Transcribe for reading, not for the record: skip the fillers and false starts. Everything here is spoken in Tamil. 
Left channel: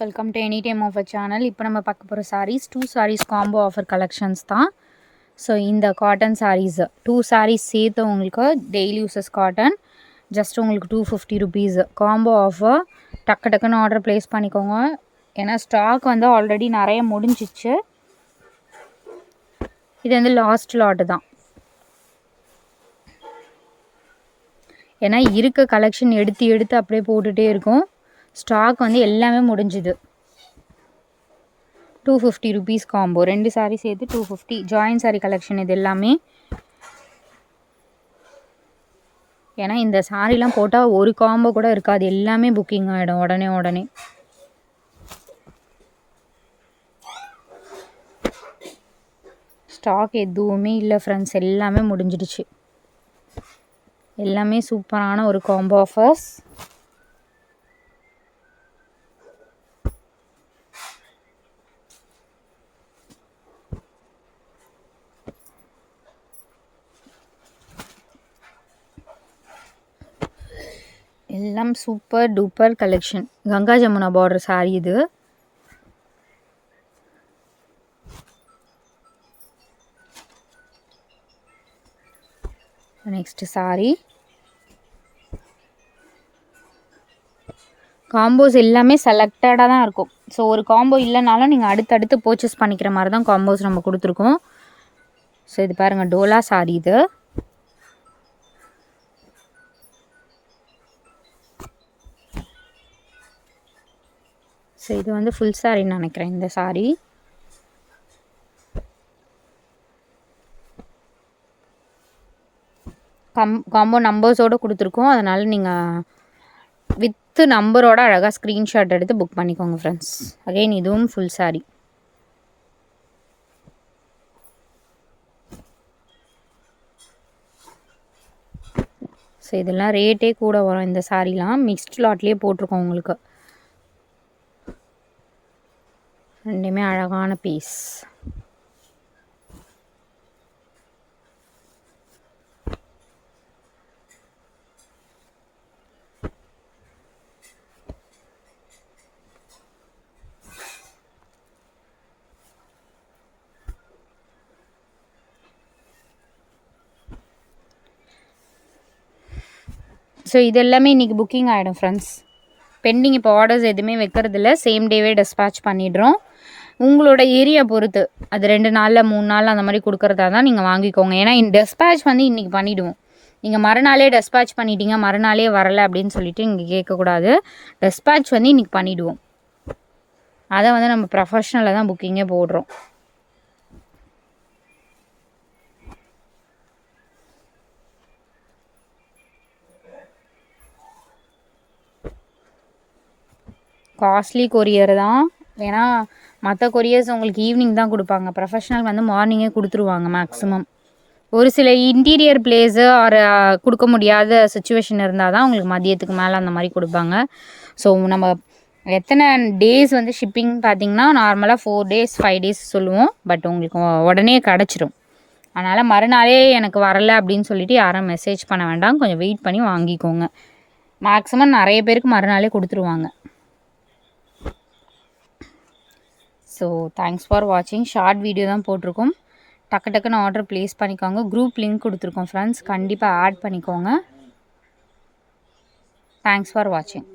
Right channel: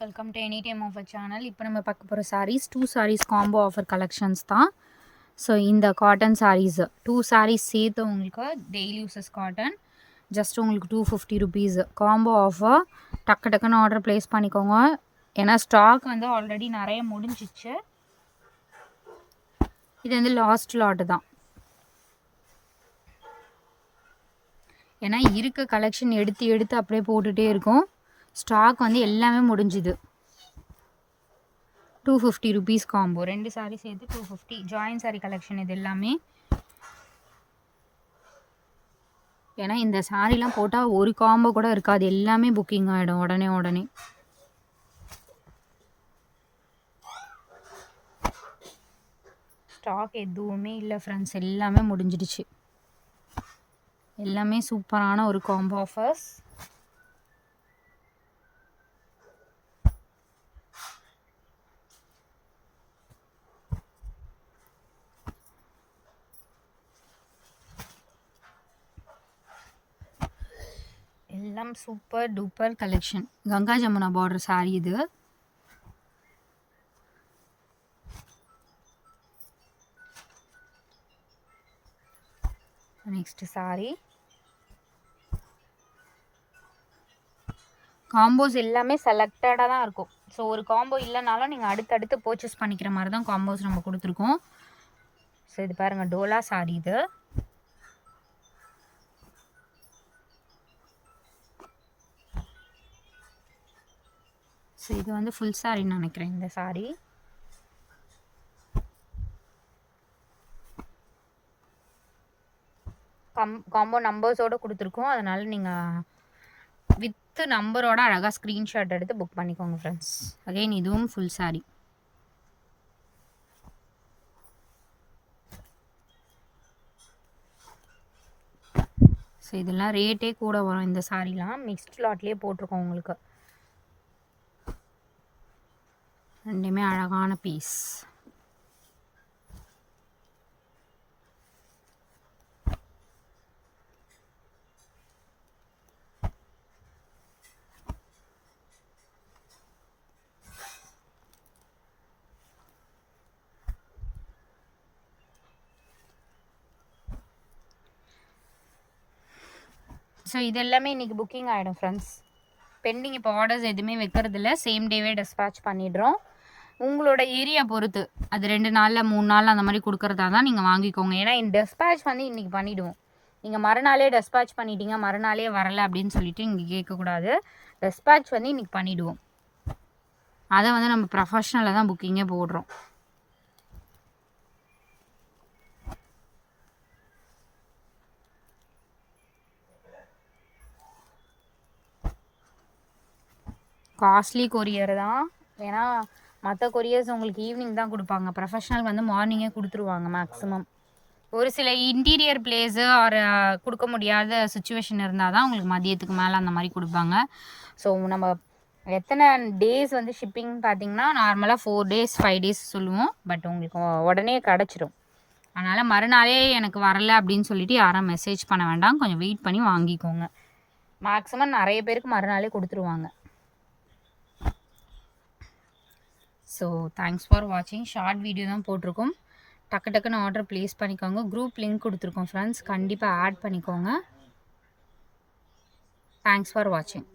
Welcome to any time offer channel. இப்போ நம்ம பார்க்க போகிற sarees 2 sarees combo offer collections தான். ஸோ இந்த காட்டன் சாரீஸ் 2 சாரீஸ் சேர்த்து உங்களுக்கு டெய்லி யூசஸ் காட்டன் ஜஸ்ட் உங்களுக்கு 250 ருபீஸ் காம்போ ஆஃபர். டக்கு டக்குன்னு ஆர்டர் ப்ளேஸ் பண்ணிக்கோங்க. ஏன்னா ஸ்டாக் வந்து ஆல்ரெடி நிறைய முடிஞ்சிச்சு. இது வந்து லாஸ்ட் லாட்டு தான். ஏன்னா இருக்க கலெக்ஷன் எடுத்து அப்படியே போட்டுகிட்டே இருக்கும். ஸ்டாக் வந்து எல்லாமே முடிஞ்சுது. 250 ருபீஸ் காம்போ, 2 சாரீ சேர்த்து 250. ஜாயின் சாரீ கலெக்ஷன் இது எல்லாமே. ஏன்னா இந்த சாரீலாம் போட்டால் ஒரு காம்போ கூட இருக்காது, எல்லாமே புக்கிங் ஆகிடும் உடனே. ஸ்டாக் எதுவுமே இல்லை ஃப்ரெண்ட்ஸ், எல்லாமே முடிஞ்சிடுச்சு. எல்லாமே சூப்பரான ஒரு காம்போ ஆஃபர்ஸ். எல்லாம் super duper collection. Ganga Jamuna border sari இது. நெக்ஸ்ட் சாரீ. காம்போஸ் எல்லாமே செலக்டடாக தான் இருக்கும். ஸோ ஒரு காம்போ இல்லைனாலும் நீங்கள் அடுத்தடுத்து பர்ச்சேஸ் பண்ணிக்கிற மாதிரி தான் காம்போஸ் நம்ம கொடுத்துருக்கோம். ஸோ இது பாருங்கள், டோலா சாரீ இது. ஸோ இது வந்து ஃபுல் சாரின்னு நினைக்கிறேன் இந்த சாரீ. காம்போ நம்பர்ஸோடு கொடுத்துருக்கோம். அதனால் நீங்கள் வித்து நம்பரோட அழகாக ஸ்க்ரீன்ஷாட் எடுத்து புக் பண்ணிக்கோங்க ஃப்ரெண்ட்ஸ். அகைன் இதுவும் ஃபுல் சாரீ. ஸோ இதெல்லாம் ரேட்டே கூட வரும். இந்த சாரீலாம் மிக்ஸ்ட் லாட்லேயே போட்டிருக்கோம் உங்களுக்கு. ரெண்டுமே அழகான பீஸ். ஸோ இது எல்லாமே இன்றைக்கி புக்கிங் ஆகிடும் ஃப்ரெண்ட்ஸ். பெண்டிங் இப்போ ஆர்டர்ஸ் எதுவுமே வைக்கிறதில்ல, சேம் டேவே டிஸ்பேட்ச் பண்ணிடுறோம். உங்களோட ஏரியா பொறுத்து அது 2 நாளில் 3 நாள் அந்த மாதிரி கொடுக்குறதா தான் நீங்கள் வாங்கிக்கோங்க. ஏன்னா டிஸ்பேட்ச் வந்து இன்றைக்கி பண்ணிவிடுவோம். நீங்கள் மறுநாளே டிஸ்பேட்ச் பண்ணிட்டீங்க, மறுநாளே வரலை அப்படின்னு சொல்லிட்டு இங்கே கேட்கக்கூடாது. டிஸ்பேட்ச் வந்து இன்றைக்கி பண்ணிவிடுவோம். அதை வந்து நம்ம ப்ரொஃபஷ்னலாக தான் புக்கிங்கே போடுறோம். காஸ்ட்லி கொரியர் தான். ஏன்னா மற்ற கொரியர்ஸ் உங்களுக்கு ஈவினிங் தான் கொடுப்பாங்க. ப்ரொஃபஷ்னல் வந்து மார்னிங்கே கொடுத்துருவாங்க மேக்ஸிமம். ஒரு சில இன்டீரியர் பிளேஸு ஆர் கொடுக்க முடியாத சுச்சுவேஷன் இருந்தால் தான் உங்களுக்கு மதியத்துக்கு மேலே அந்த மாதிரி கொடுப்பாங்க. ஸோ நம்ம எத்தனை டேஸ் வந்து ஷிப்பிங் பார்த்திங்கன்னா நார்மலாக 4 days 5 days சொல்லுவோம். பட் உங்களுக்கு உடனே கிடச்சிரும். அதனால் மறுநாளே எனக்கு வரலை அப்படின்னு சொல்லிட்டு யாரும் மெசேஜ் பண்ண வேண்டாம். கொஞ்சம் வெயிட் பண்ணி வாங்கிக்கோங்க. மேக்ஸிமம் நிறைய பேருக்கு மறுநாளே கொடுத்துருவாங்க. ஸோ தேங்க்ஸ் ஃபார் வாட்சிங். ஷார்ட் வீடியோ தான் போட்டிருக்கோம். டக்குன்னு ஆர்டர் ப்ளேஸ் பண்ணிக்கோங்க. குரூப் லிங்க் கொடுத்துருக்கோம் ஃப்ரெண்ட்ஸ், கண்டிப்பாக ஆட் பண்ணிக்கோங்க. தேங்க்ஸ் ஃபார் வாட்சிங்.